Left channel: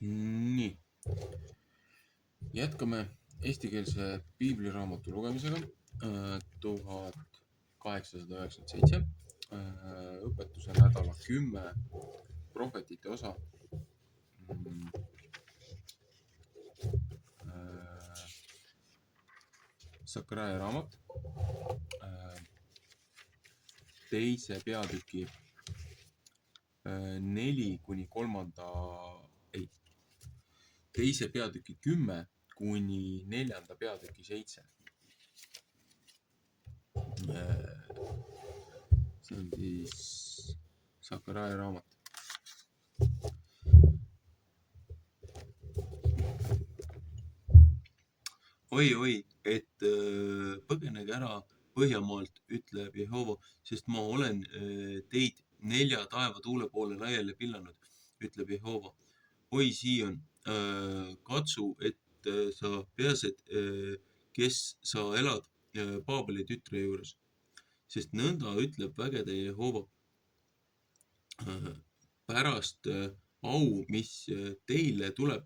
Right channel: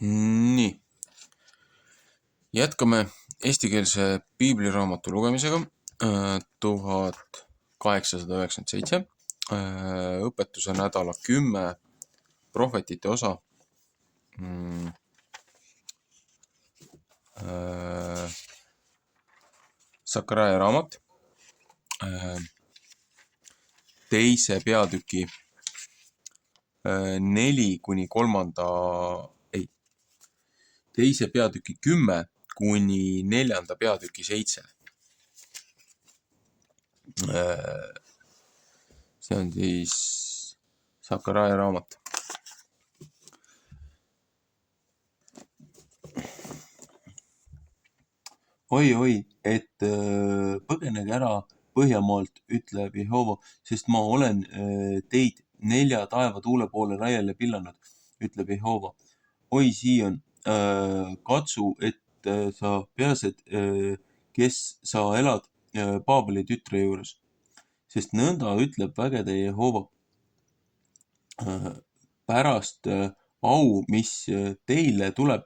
Nii, jätkame eestikeelse piibliraamatu lugemisega 1897. Õpetuse nädala 10 prohvetite osa. Sakaraia raamat, teise peatüki teise peatüki 10 kuni 4. peatüki 7. See on siis Sakaraia raamat. Oi, et põgenege ära Põhjamaalt, ütleb Jehova, sest ma olen teid 4 taevatuule poole laiali pillanud, ütleb Jehova. Oi, Siion, katsu, et sa peased, kes sa elad Paabeli tütre juures, sest nõnda ütleb vägede Jehova. Pärast au, mis teile tuleb,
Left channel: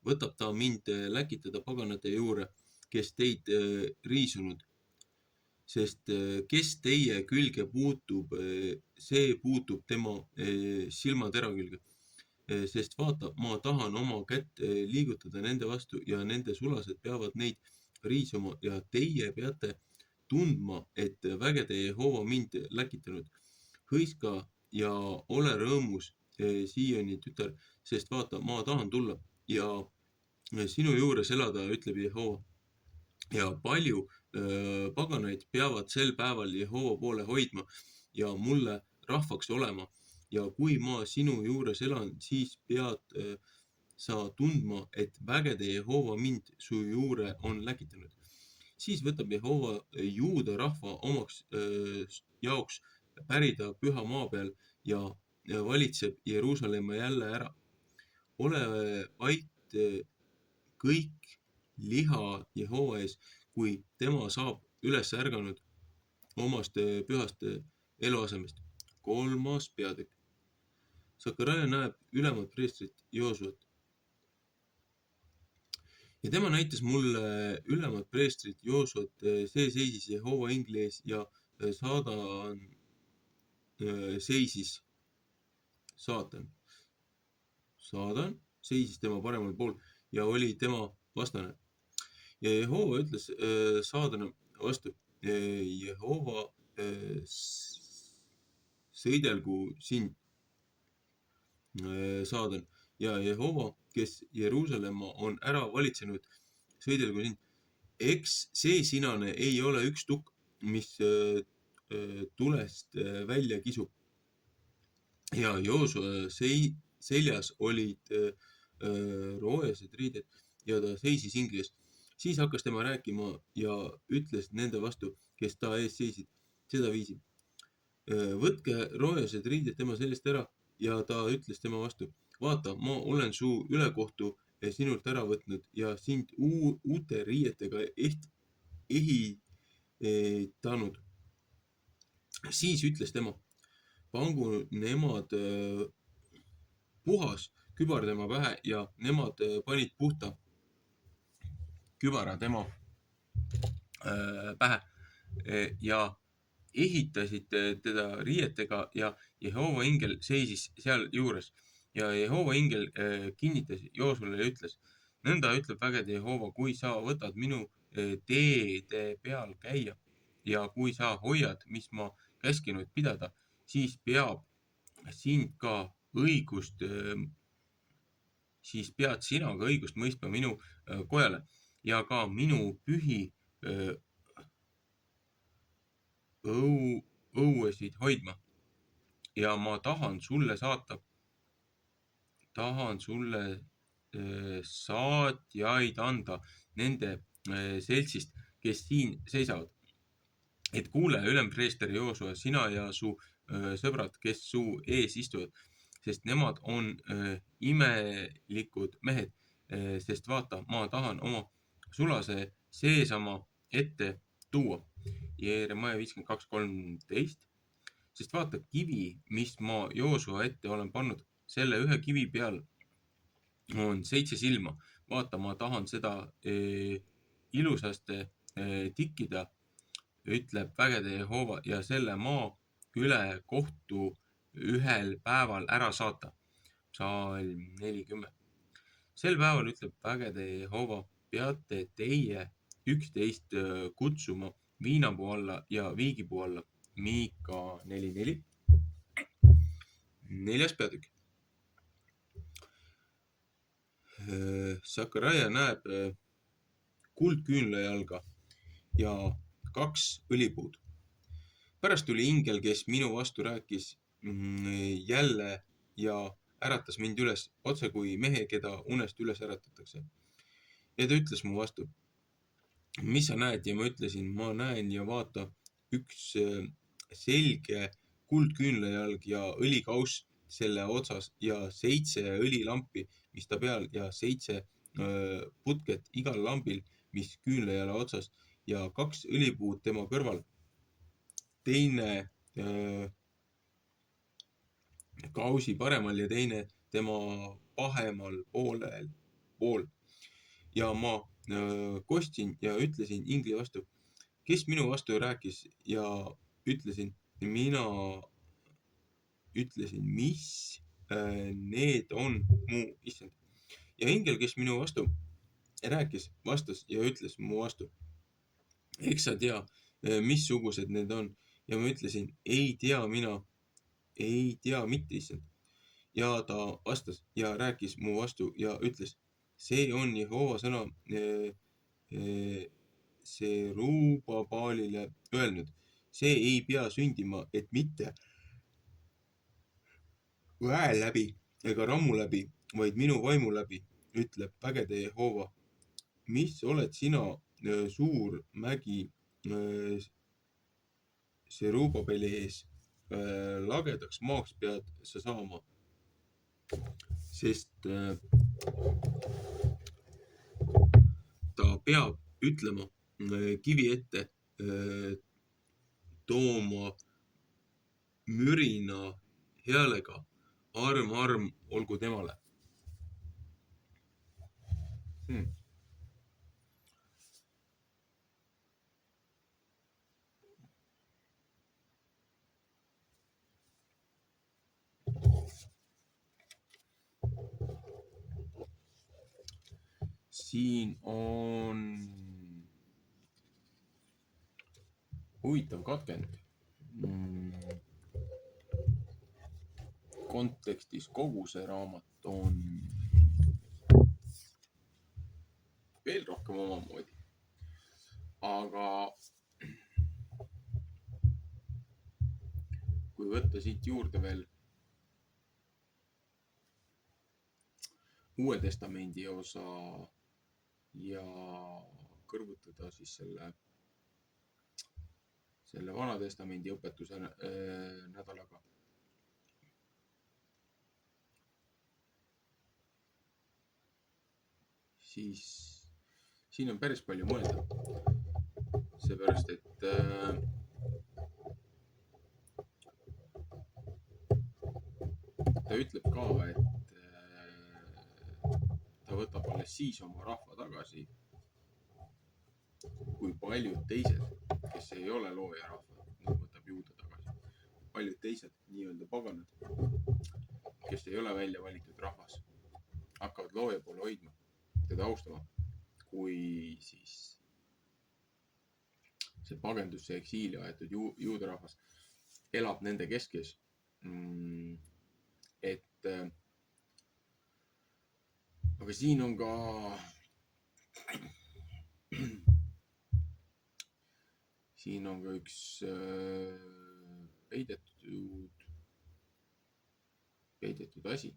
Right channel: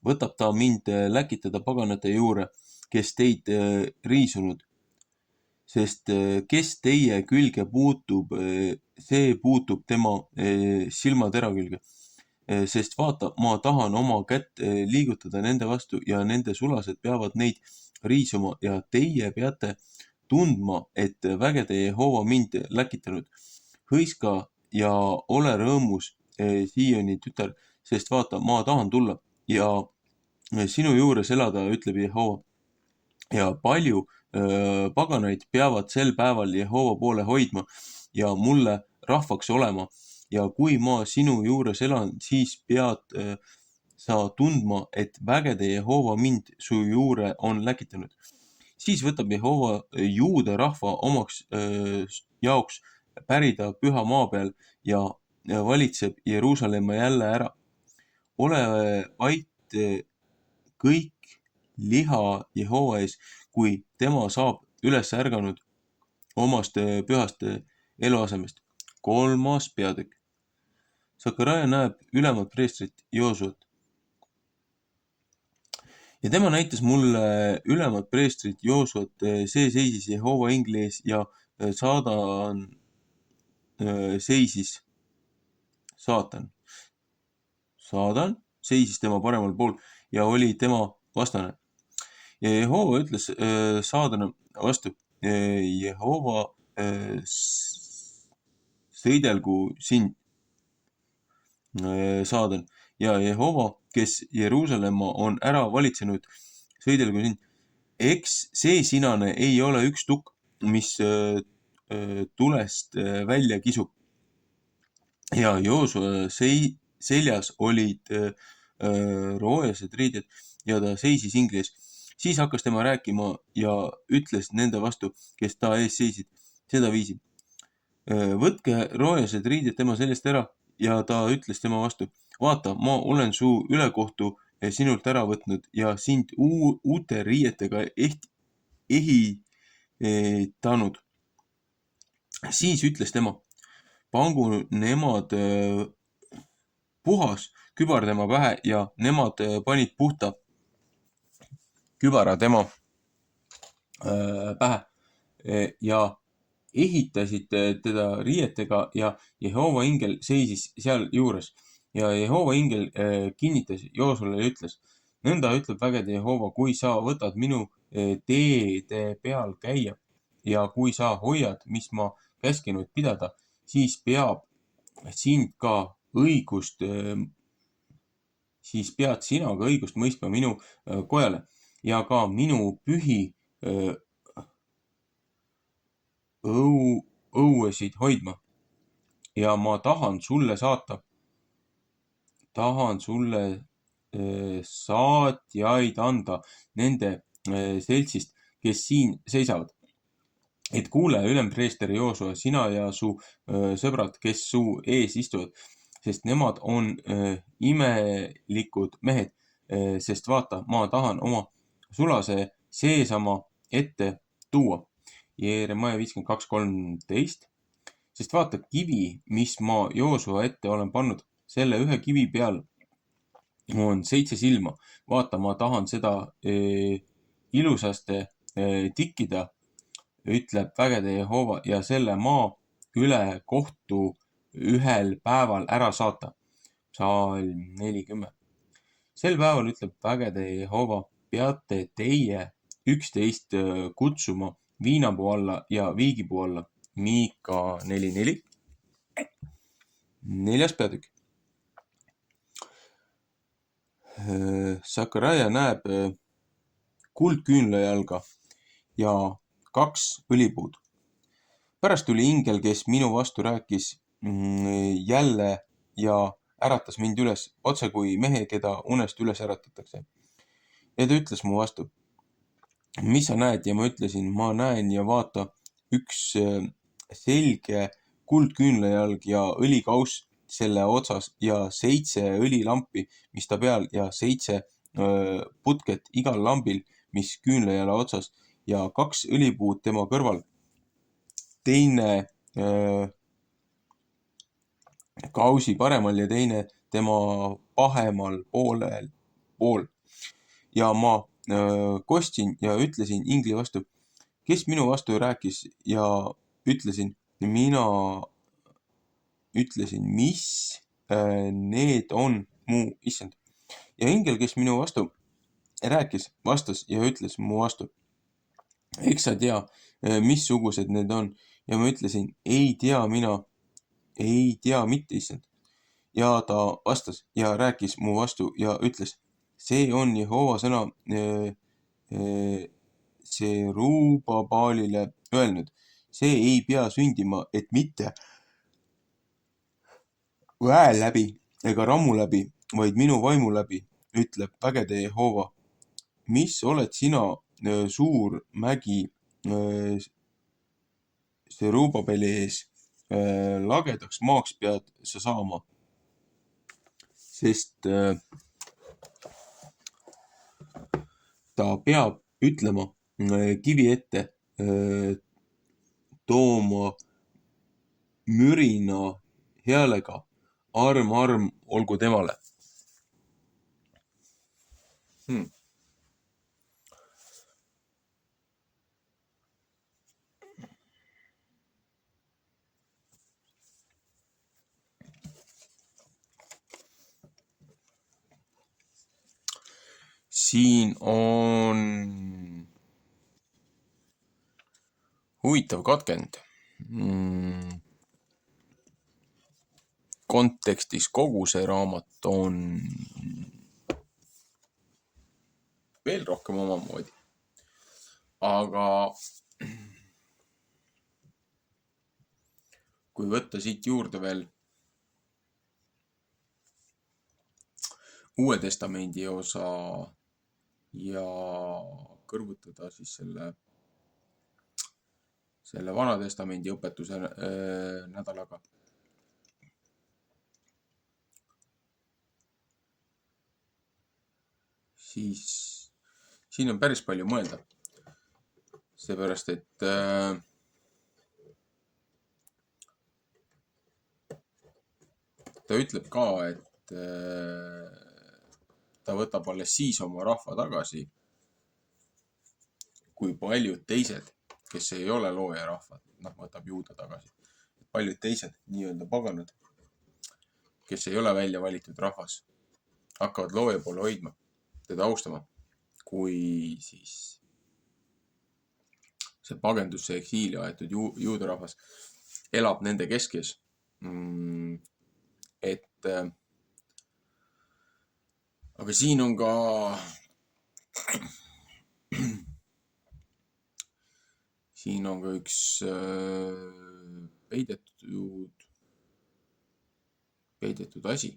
võtab ta mind läkitada paganate juurde, kes teid riisunud. Sest kes teie külge puutub, see puutub tema silmatera külge. Sest vaata, ma tahan oma kätt liigutada nende vastu ja nende sulased peavad neid riisuma ja teie peate tundma, et vägede Jehova mind läkitanud. Hõiska ja ole rõõmus, Siioni tütar, sest vaata, ma tahan tulla ja sinu juures elada, ütleb Jehova. Ja palju paganaid peavad sel päeval Jehova poole hoidma ja mulle rahvaks olema. Ja kui ma sinu juures elan, siis pead sa tundma, et vägede Jehova mind su juure on läkitanud. Siis võtab Jehova juude rahva omaks jaoks pärida püha maa peal ja valitseb Jeruusalemma jälle ära. Ole vait kõik liha Jehova ees, kui tema saab üles ärganud omast pühast eluasemest. 3. peatükk. Sakaraia näeb ülemat preestrit Joosuat. Ja tema näitas mulle ülemat preestrit Joosuat, see seisis Jehova ingli ees ja saatan seisis tema paremal pool ja oli tema vastane. Ja Jehova ütles saadana vastu, Jehova sõidelgu sind, saadan, ja Jehova, kes Jeruusalemma on ära valitsenud, sõidelgu sind. Eks see sinane ei ole üks tukk, mis tulest välja kisub. Ja Joosua seljas olid roojased riided ja ta seisis ingli ees. Siis hakkas tema rääkima ja ütles nende vastu, kes ta ees seisid, seda viisi. Võtke roojased riided tema seljast ära ja ta ütles tema vastu. Vaata, ma olen su ülekohtu sinult ära võtnud ja sind uute riietega ehitanud. Siis ütles tema, pangu nemad puhas kübar tema pähe ja nemad panid puhta kübara tema pähe ja ehitasid teda riietega ja Jehova ingel seisis seal juures. Ja Jehova ingel kinnitas Joosule ja ütles, nõnda ütleb vägede Jehova, kui sa võtad minu teede peal käia ja kui sa hoiad, mis ma käskinud pidada, siis pead sina ka õigust mõistma minu kojale ja ka minu pühi õuesid hoidma. Ja ma tahan sulle saatjaid anda nende seltsist, kes siin seisavad. Et kuule, ülempreester Joosua, sina ja su sõbrad, kes su ees istuvad, sest nemad on imelikud mehed, sest vaata, ma tahan oma sulase seesama ette tuua. Jeeremaia 52:13. Sest vaata, kivi, mis ma Joosua ette olen pannud, selle ühe kivi peal on 7 silma. Vaata, ma tahan seda ilusasti tikkida, ütleb vägede Jehova, ja selle maa üle kohtu ühel päeval ära saata. Psalm 40. Sel päeval ütleb vägede Jehova, peate teie üksteist kutsuma viinapuu alla ja viigipuu alla. Miika 4.4. 4. peatükk. Sakaraia näeb kuldküünlajalga ja 2 õlipuud. Pärast tuli ingel, kes minu vastu rääkis jälle ja äratas mind üles, otse kui mehe, keda unest üles äratatakse. Ja ta ütles mu vastu, mis sa näed? Ja ma ütlesin, ma näen ja vaata, üks selge kuldküünlajalg ja õlikauss selle otsas ja 7 õlilampi, mis ta peal, ja 7 putket igal lambil, mis küünlajala otsas, ja 2 õlipuud tema kõrval. Teine kausi paremal ja teine tema pahemal pool. Ja ma kostsin ja ütlesin ingli vastu, kes minu vastu rääkis, ja mina ütlesin, mis need on, mu issand. Ja ingel, kes minu vastu rääkis, vastas ja ütles mu vastu, eks sa tea, missugused need on. Ja ma ütlesin, ei tea mina, ei tea mitte, issand. Ja ta vastas ja rääkis mu vastu ja ütles, see on Jehova sõna Serubabaalile öelnud, see ei pea sündima, et mitte väe läbi ega rammu läbi, vaid minu vaimu läbi, ütleb vägede Jehova. Mis oled sina, suur mägi Serubabeli ees, lagedaks maaks pead sa saama, sest ta peab ütlema kivi ette, tooma mürina häälega, arm olgu temale. Siin on huvitav katkend. Kontekstis kogu see raamat on veel rohkem omamoodi. Aga kui võtta siit juurde veel Uue Testamendi osa ja kõrvutada siis selle Vana Testamendi õpetuse nädalaga, siis siin on päris palju mõelda. Seepärast, et ta ütleb ka, et ta võtab alles siis oma rahva tagasi, kui paljud teised, kes ei ole loojarahvad, võtab juuda tagasi. Paljud teised nii-öelda paganad, kes ei ole välja valitud rahvas, hakkavad looja poole hoidma, teda austama, kui siis see pagendusse eksiili aetud juudarahvas elab nende keskes. Aga siin on ka üks peidetud asi.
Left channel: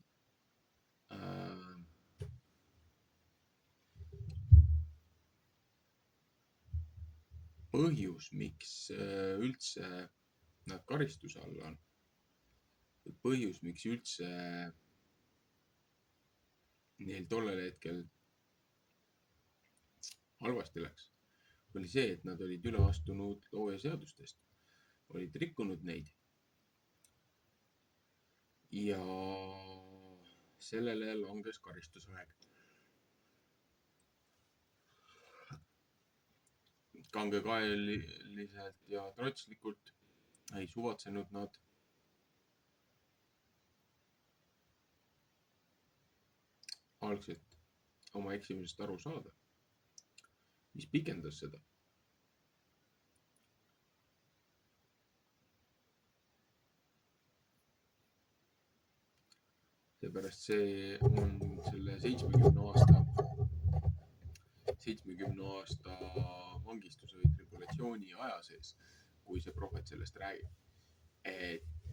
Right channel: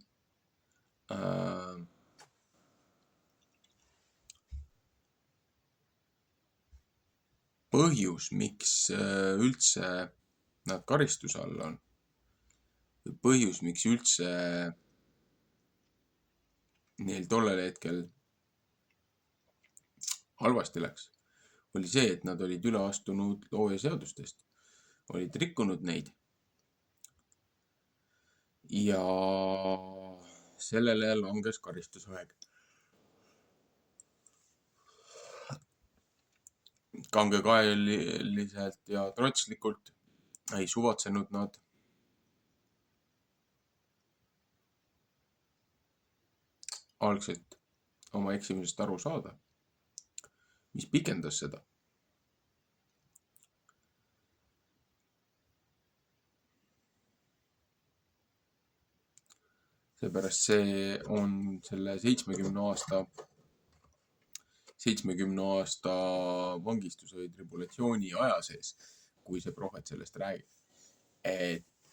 Põhjus, miks üldse nad karistuse all on, põhjus, miks üldse neil tollel hetkel halvasti läks, oli see, et nad olid üle astunud loojaseadustest, olid rikkunud neid. Ja sellele langes karistusaeg. Kangekaeliselt ja trotslikult ei suvatsenud nad algselt oma eksimusest aru saada, mis pikendas seda. Seepärast see on selle 70 aasta vangistuse või tribulatsiooni aja sees, kui see prohvet sellest räägib. Et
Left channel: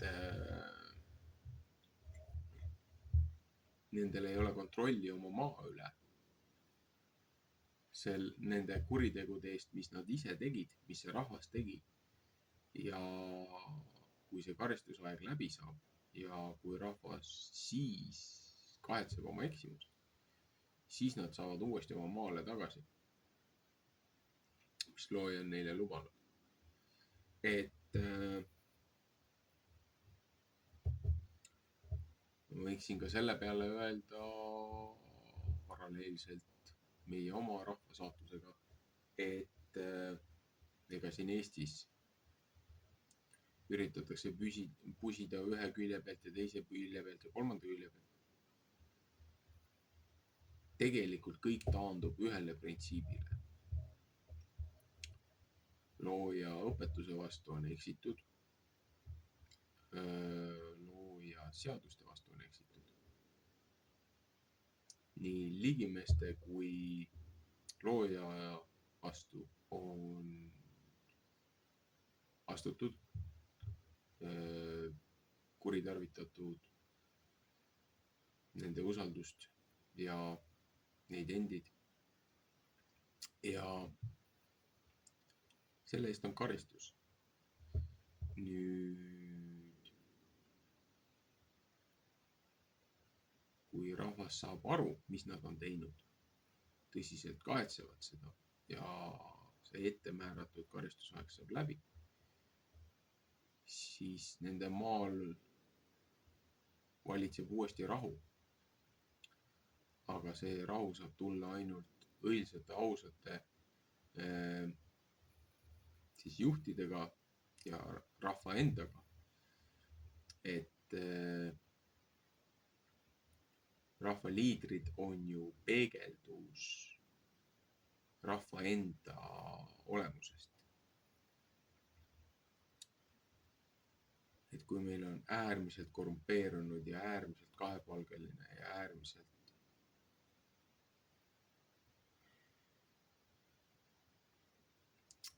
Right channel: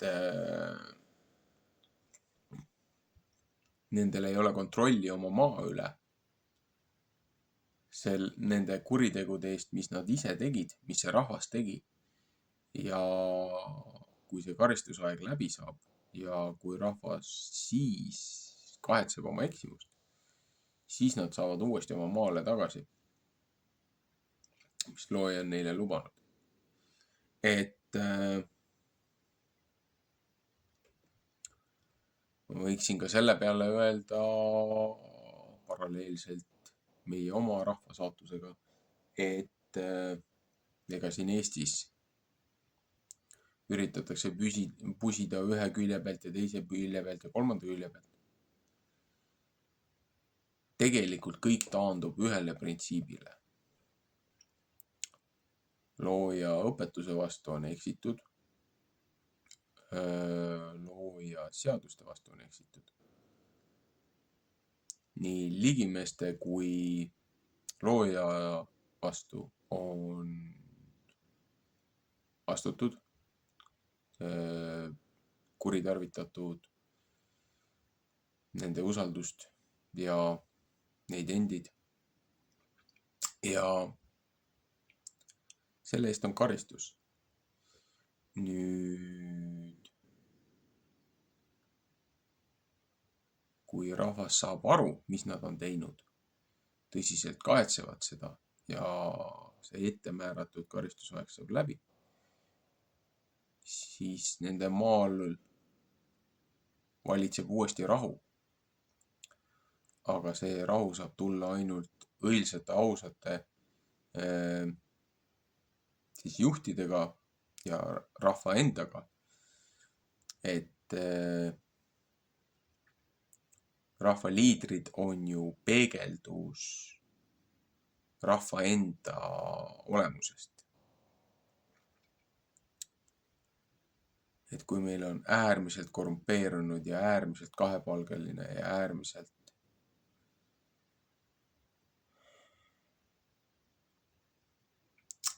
nendel ei ole kontrolli oma maa üle. Nende kuritegude eest, mis nad ise tegid, mis see rahvas tegi. Ja kui see karistusaeg läbi saab ja kui rahvas siis kahetseb oma eksimust, siis nad saavad uuesti oma maale tagasi, mis looja on neile lubanud. Et ma võiksin ka selle peale öelda paralleelselt meie oma rahva saatusega, et ega siin Eestis üritatakse pusida ühe külje pealt ja teise külje pealt ja kolmanda külje pealt. Tegelikult kõik taandub ühele printsiibile. Looja õpetuse vastu on eksitud. Looja seaduste vastu on eksitud. Nii ligimeeste kui looja vastu on astutud, kuritarvitatud nende usaldust ja neid endid. Ja selle eest on karistus. Nüüd, kui rahvas saab aru, mis nad on teinud, tõsiselt kahetsevad seda ja see ettemääratud karistusaeg saab läbi, siis nende maal valitseb uuesti rahu. Aga see rahu saab tulla ainult õilsate, ausate siis juhtidega ja rahva endaga. Et rahva liidrid on ju peegeldus rahva enda olemusest. Et kui meil on äärmiselt korrumpeerunud ja äärmiselt kahepalgeline ja äärmiselt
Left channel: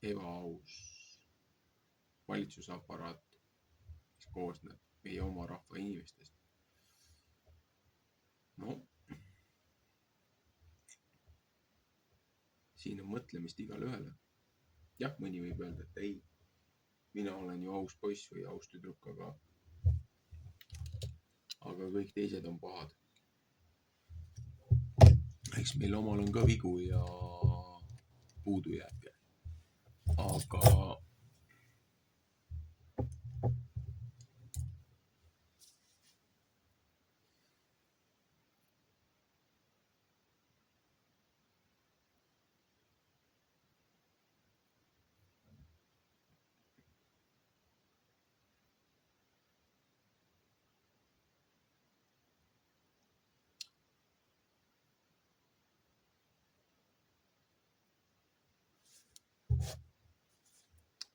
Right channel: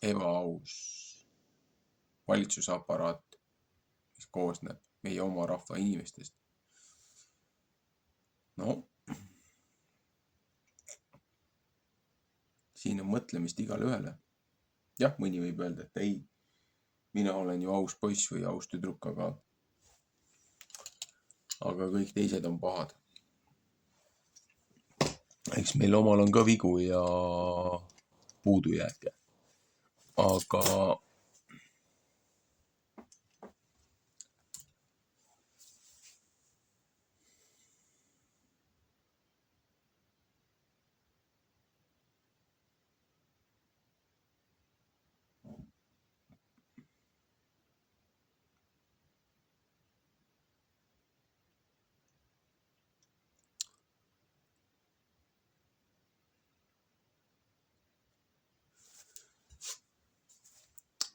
ebaaus valitsusaparaat, mis koosneb meie oma rahva inimestest. No, siin on mõtlemist igale ühele. Jah, mõni võib öelda, et ei, mina olen ju aus poiss või aus tüdruk, aga kõik teised on pahad. Eks meil omal on ka vigu ja puudujääke. Aga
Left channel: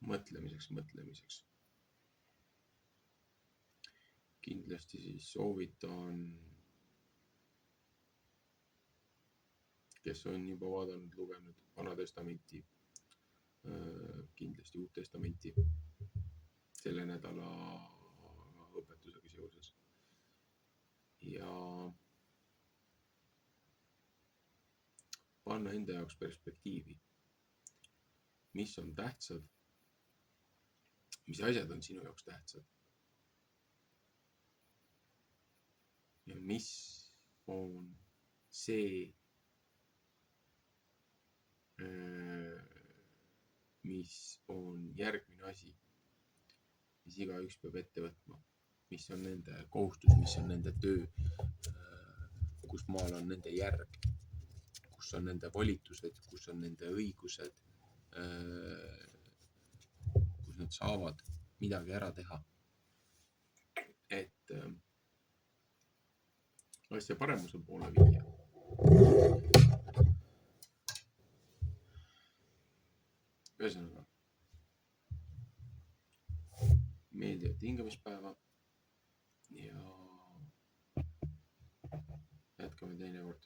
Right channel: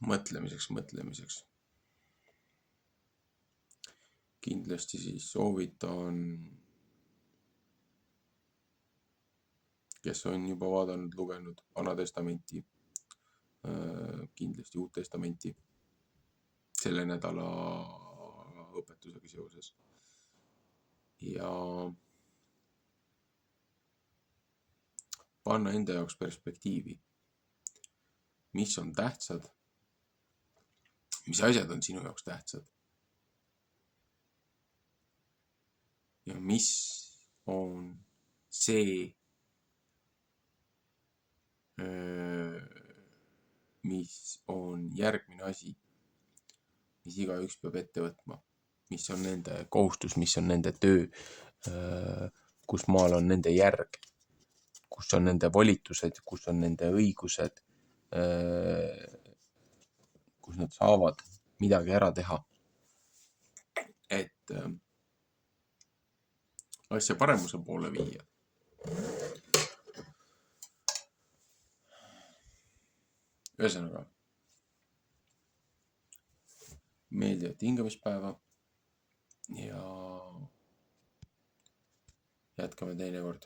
mõtlemiseks. Kindlasti siis soovitan, kes on juba vaadanud, lugenud Vana Testamenti, kindlasti Uut Testamenti selle nädala õpetusega seoses. Ja panna enda jaoks perspektiivi, mis on tähtsad, mis asjad on sinu jaoks tähtsad ja mis on see, mis on järgmine asi, mis igaüks peab ette võtma, mis on nende kohustus, mis on nende töö, kus maal on nende järg, kus on nende volitused, kus on nende õigused, kus nad saavad midagi ära teha, et asja paremuse poole viia. Ühesõnaga, meeldivat hingamispäeva ja jätkame teinekord.